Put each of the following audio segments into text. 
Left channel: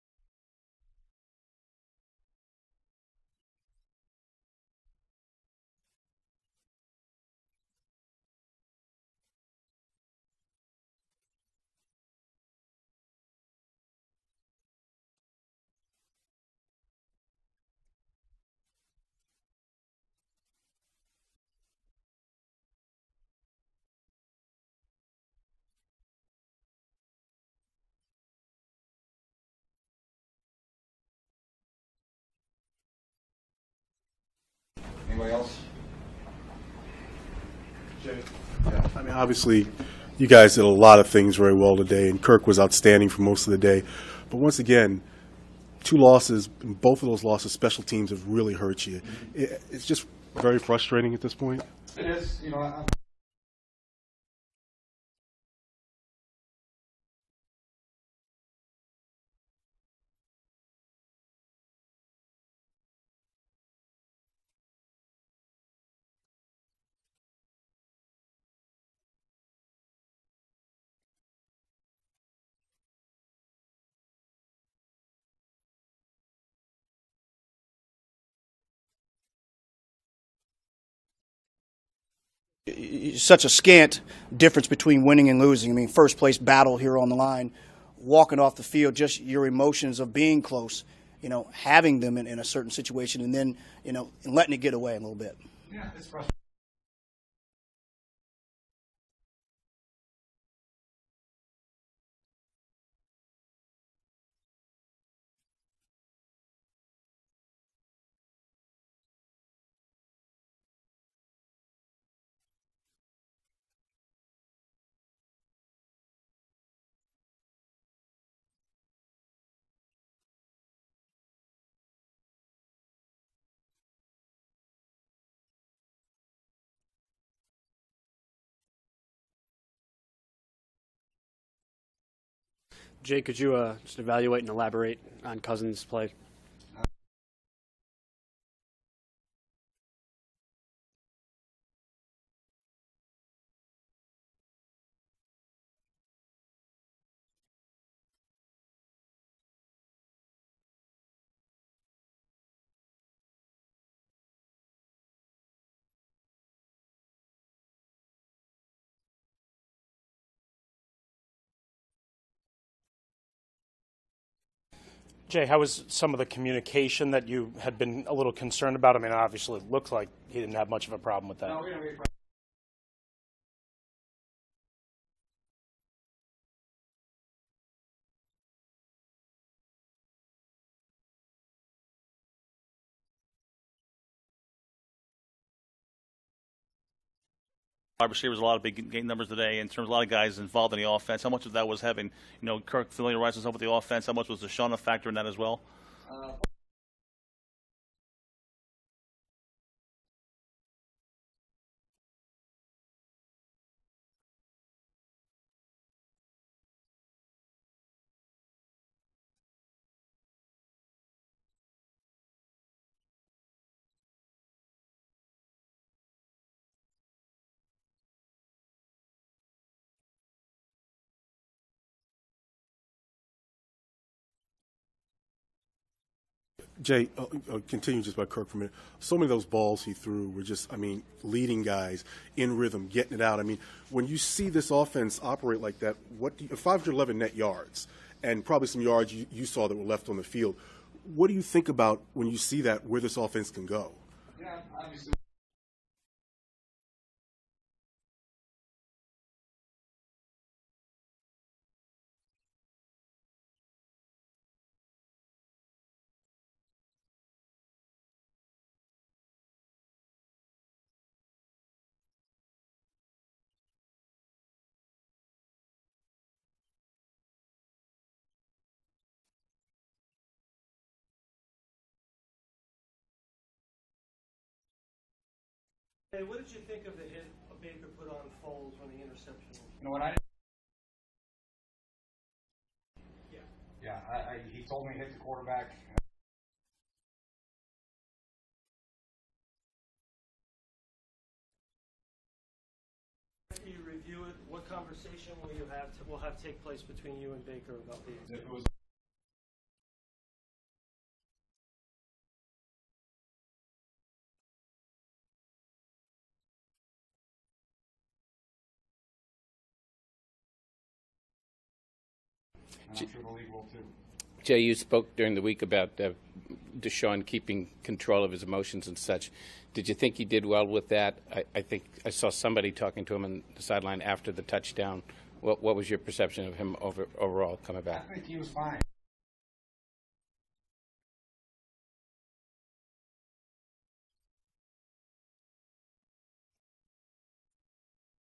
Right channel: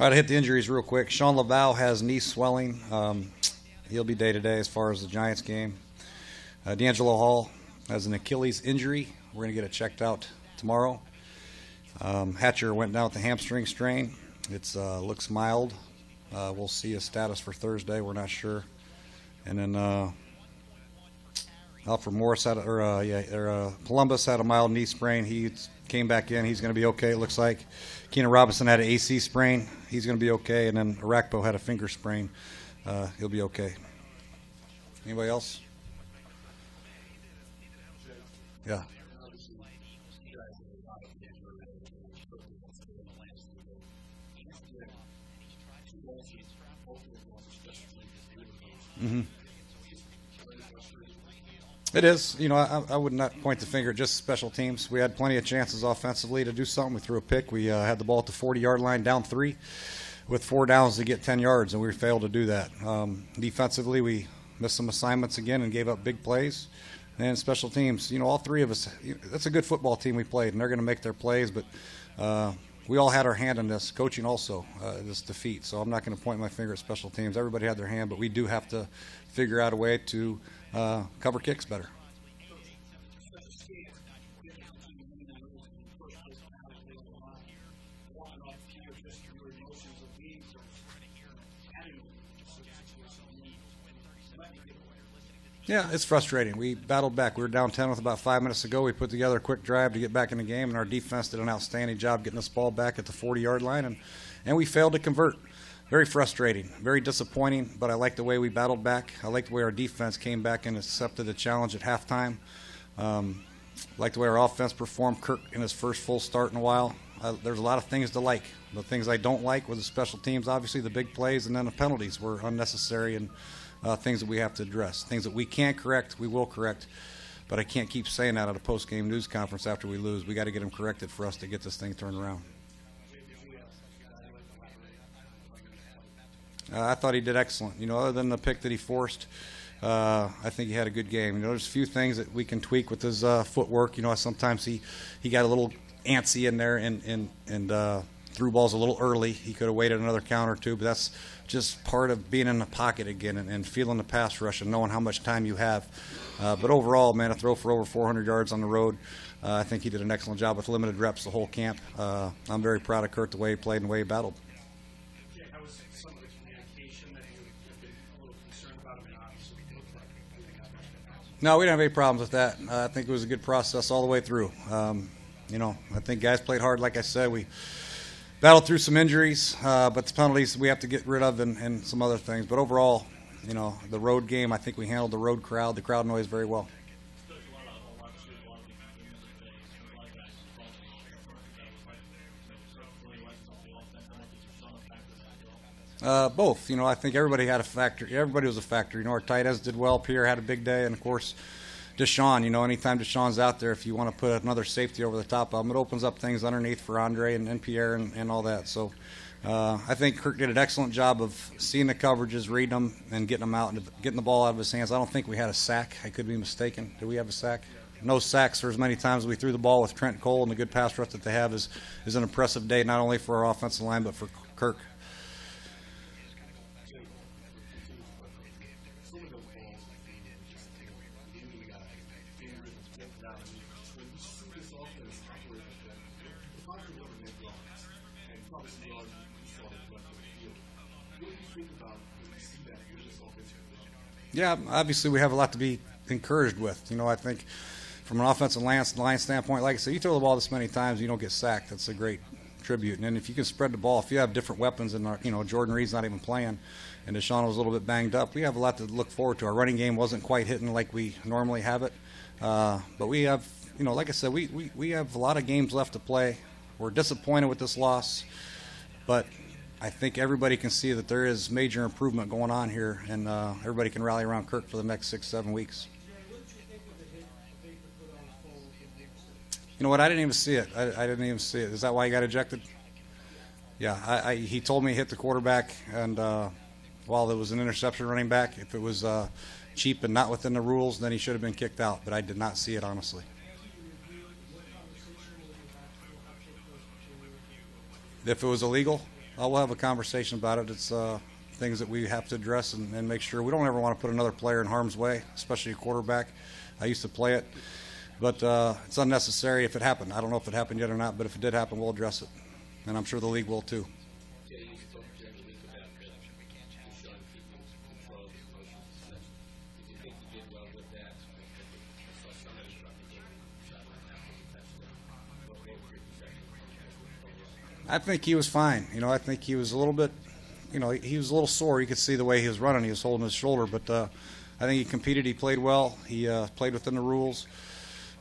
All right, I hit the injuries real quick. Sean Laval has knee swelling. He'll be day-to-day as far as the Giants game. D'Angelo Hall has an Achilles injury. We're going to get it checked out tomorrow. Hatcher went down with the hamstring strain. It looks mild. We'll see his status for Thursday. We're not sure. And then Alfred Morris Columbus had a mild knee sprain. He came back in. He's going to be okay, it looks like. Keenan Robinson had an AC sprain. He's going to be okay. And then Arakpo had a finger sprain. He'll be okay. Anybody else? Jay? Yeah. I mean, obviously, you guys did a lot of things very well today, and Kirk was outstanding for most of the day. But once again, 2 losses, and both of those losses, special teams have really hurt you. It's just very frustrating at this point. It is. You know, I would not point the finger at just special teams. We had plenty of chances offensively to do something. We threw a pick. We had the ball at the 40-yard line, down 3, with 4 downs to get 10 yards, and we failed to do that. Defensively, we missed some assignments again and gave up big plays. And special teams, you know, all 3 of us, that's a good football team we played, and they're going to make their plays, but we all had our hand in this, coaching also, this defeat. So I'm not going to point my finger at special teams. Everybody had their hand, but we do have to figure out a way to cover kicks better. Such a scant difference between winning and losing. I mean, first place battle here on the line, walking off the field, just your emotions of being close, you know, having them in a certain situation, and then, you know, letting it get away a little bit. Yeah, it's frustrating. We battled back. We were down 10 with about 5 minutes to go. We put together a quick drive to get back in the game, and our defense did an outstanding job getting this ball back at the 40-yard line, and we failed to convert. Very frustrating, very disappointing, but I like the way we battled back. I like the way our defense came back and accepted the challenge at halftime. I like the way our offense performed. Kirk in his first full start in a while. There's a lot of things to like. The things I don't like were the special teams, obviously, the big plays, and then the penalties were unnecessary and things that we have to address. Things that we can't correct, we will correct. But I can't keep saying that at a post-game news conference after we lose. We got to get them corrected for us to get this thing turned around. Jay, could you just evaluate and elaborate on Cousins' play? I thought he did excellent. You know, other than the pick that he forced, I think he had a good game. You know, there's a few things that we can tweak with his footwork. You know, sometimes he got a little antsy in there and threw balls a little early. He could have waited another count or two, but that's just part of being in the pocket again and feeling the pass rush and knowing how much time you have. But overall, man, a throw for over 400 yards on the road. I think he did an excellent job with limited reps the whole camp. I'm very proud of Kurt, the way he played and the way he battled. Jay, how was some of the communication that you had been a little concerned about? I mean, obviously it looked like he didn't have much of a problem with that. No, we didn't have any problems with that. I think it was a good process all the way through. You know, I think guys played hard. Like I said, we battled through some injuries, but the penalties we have to get rid of and some other things. But overall, you know, the road game, I think we handled the road crowd, the crowd noise very well. Wide receivers, a lot of big game numbers today in terms of a lot of guys involved in the offense. How much of that was having, you know, Kirk familiarize himself with the offense? How much was Deshaun a factor in that as well? Both. You know, I think everybody had a factor. Everybody was a factor. You know, our tight ends did well. Pierre had a big day, and of course, Deshaun. You know, anytime Deshaun's out there, if you want to put another safety over the top of him, it opens up things underneath for Andre and Pierre and all that. So I think Kirk did an excellent job of seeing the coverages, reading them, and getting them out and getting the ball out of his hands. I don't think we had a sack. I could be mistaken. Did we have a sack? No sacks for as many times as we threw the ball with Trent Cole, and the good pass rush that they have is an impressive day, not only for our offensive line but for Kirk. Jay, I'll continue just by Kirk for a minute. So many of those balls he threw were just, I mean, leading guys in rhythm, getting it out. I mean, when you see this offense operate like that, 511 net yards and probably some yards you saw that were left on the field, what do you think about when you see that, where this offense can go? Yeah, obviously we have a lot to be encouraged with. You know, I think from an offensive line standpoint, like I said, you throw the ball this many times, you don't get sacked. That's a great tribute. And then if you can spread the ball, if you have different weapons, and you know, Jordan Reed's not even playing, and Deshaun was a little bit banged up, we have a lot to look forward to. Our running game wasn't quite hitting like we normally have it, but we have, you know, like I said, we have a lot of games left to play. We're disappointed with this loss, but I think everybody can see that there is major improvement going on here, and everybody can rally around Kirk for the next 6-7 weeks. Jay, what did you think of the hit Baker put on Foles on the interception? You know what? I didn't even see it. I didn't even see it. Is that why he got ejected? Yeah, he told me he hit the quarterback, and while there was an interception running back, if it was cheap and not within the rules, then he should have been kicked out. But I did not see it, honestly. After you review it, what conversation will have take place between you and Baker about the If it was illegal, we'll have a conversation about it. It's things that we have to address and make sure we don't ever want to put another player in harm's way, especially a quarterback. I used to play it, but it's unnecessary if it happened. I don't know if it happened yet or not, but if it did happen, we'll address it, and I'm sure the league will too. Jay, you spoke during the week about Deshaun keeping control of his emotions and such. Did you think he did well with that? I think I saw somebody talking to him on the sideline after the touchdown. What was your perception of him overall coming back? I think he was fine. I think he was a little bit, he was a little sore. You could see the way he was running. He was holding his shoulder, but I think he competed. He played well. He played within the rules.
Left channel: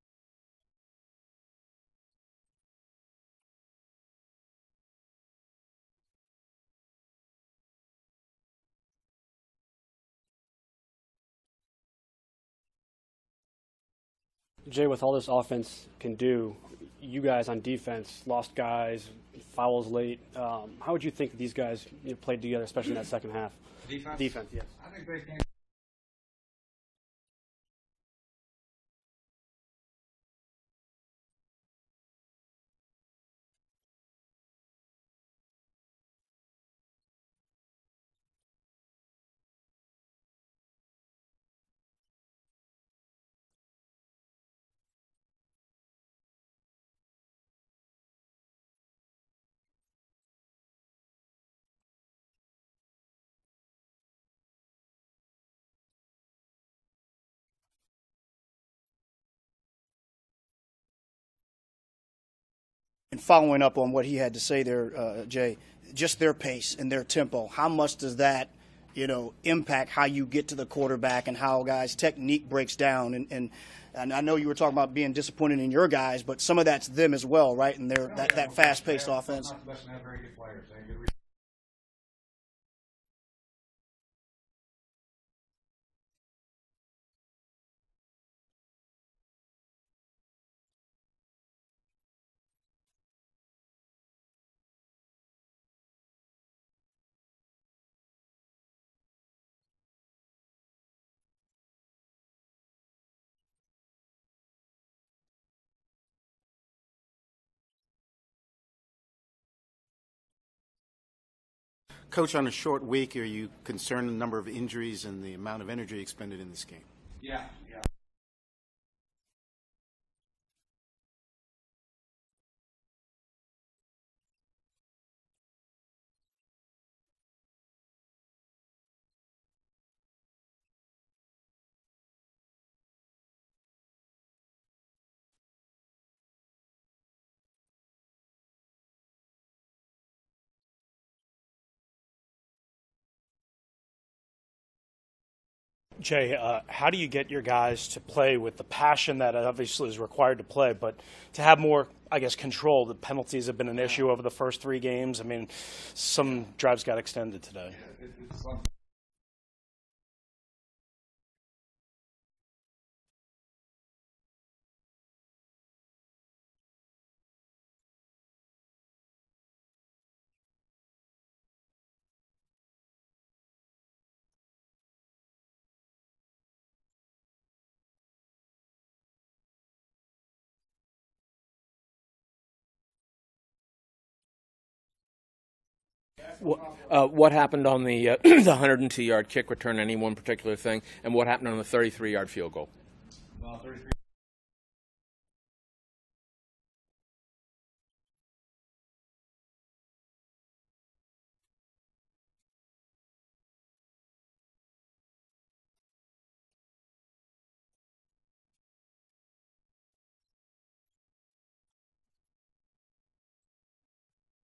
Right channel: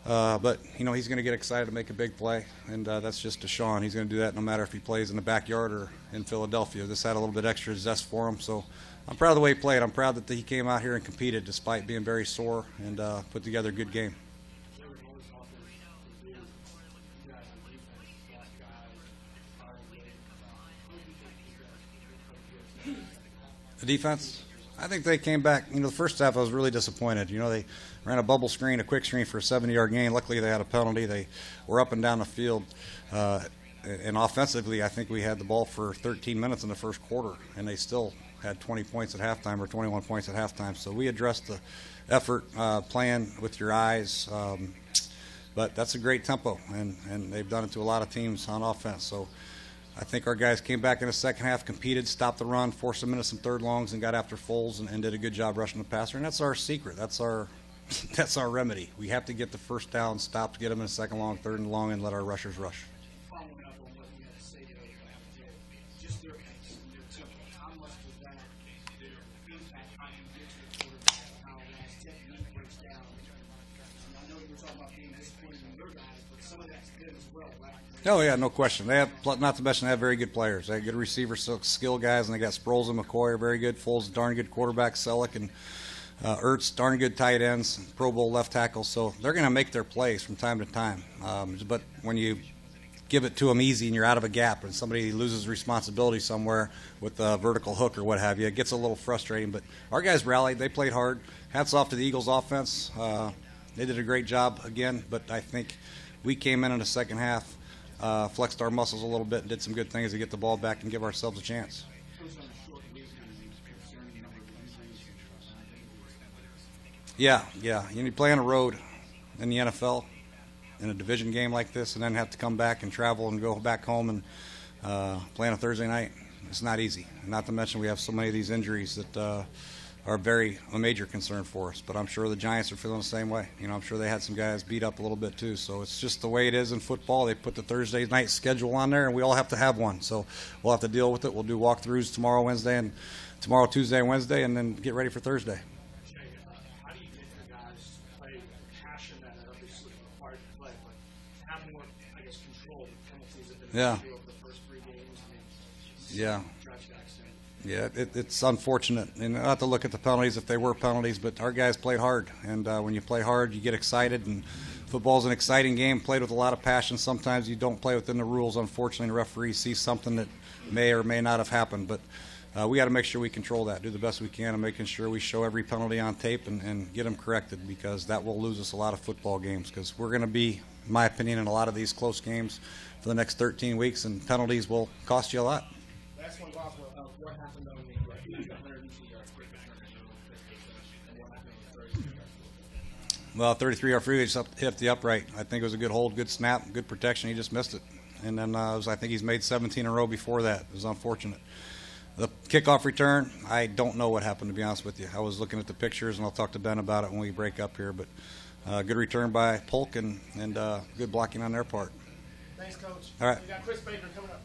But, he's going to get excited to make a big play, and that's just Deshaun. He's going to do that no matter if he plays in the backyard or in Philadelphia. This had a little bit extra zest for him, so I'm proud of the way he played. I'm proud that he came out here and competed despite being very sore and put together a good game. Jay, with all this offense can do, you guys on defense lost guys, fouls late. How would you think these guys played together, especially in that second half? The defense? Defense, yeah. I think they came back. The first half I was really disappointed. They ran a bubble screen, a quick screen for a 70-yard gain. Luckily, they had a penalty. They were up and down the field. And offensively, I think we had the ball for 13 minutes in the first quarter, and they still had 20 points at halftime or 21 points at halftime. So we addressed the effort, playing with your eyes. But that's a great tempo, and they've done it to a lot of teams on offense. So I think our guys came back in the second half, competed, stopped the run, forced them into some third longs, and got after Foles and did a good job rushing the passer. And that's our secret. That's our remedy. We have to get the first down, stop, get them in a second long, third and long, and let our rushers rush. And following up on what he had to say there, Jay, just their pace and their tempo, how much does that, impact how you get to the quarterback and how guys' technique breaks down? And I know you were talking about being disappointed in your guys, but some of that's them as well, right? And they're no question. They have, offense. not to mention they have very good players. They have good receivers, skill guys, and they got Sproles and McCoy are very good. Foles, darn good quarterback. Selleck and Ertz, darn good tight ends. Pro Bowl left tackles. So they're going to make their plays from time to time. But when you give it to them easy and you're out of a gap and somebody loses responsibility somewhere with a vertical hook or what have you, it gets a little frustrating. But our guys rallied. They played hard. Hats off to the Eagles offense. They did a great job again, but I think we came in the second half, flexed our muscles a little bit, and did some good things to get the ball back and give ourselves a chance. Coach, on a short week, are you concerned the number of injuries and the amount of energy expended in this game? Yeah. You play on the road in the NFL in a division game like this and then have to come back and travel and go back home and play on a Thursday night. It's not easy. Not to mention we have so many of these injuries that are a major concern for us. But I'm sure the Giants are feeling the same way. I'm sure they had some guys beat up a little bit too. So it's just the way it is in football. They put the Thursday night schedule on there, and we all have to have one. So we'll have to deal with it. We'll do walkthroughs tomorrow, Tuesday, and Wednesday, and then get ready for Thursday. Jay, how do you get your guys to play with the passion that obviously is required to play, but to have more, control? The penalties have been an issue over the first 3 games. Some drives got extended today. Yeah, it's unfortunate. And not to look at the penalties if they were penalties, but our guys played hard. And when you play hard, you get excited. And football's an exciting game, played with a lot of passion. Sometimes you don't play within the rules, unfortunately, and the referee sees something that may or may not have happened. But we got to make sure we control that, do the best we can, and making sure we show every penalty on tape and get them corrected, because that will lose us a lot of football games, because we're going to be, in my opinion, in a lot of these close games for the next 13 weeks, and penalties will cost you a lot. What happened on the 102-yard kick return, any one particular thing, and what happened on the 33-yard field goal? Well, 33-yard free, he just hit the upright. I think it was a good hold, good snap, good protection. He just missed it. And then I think he's made 17 in a row before that. It was unfortunate. The kickoff return, I don't know what happened, to be honest with you. I was looking at the pictures, and I'll talk to Ben about it when we break up here. But good return by Polk and good blocking on their part. Thanks, Coach. All right. We got Chris Baker coming up.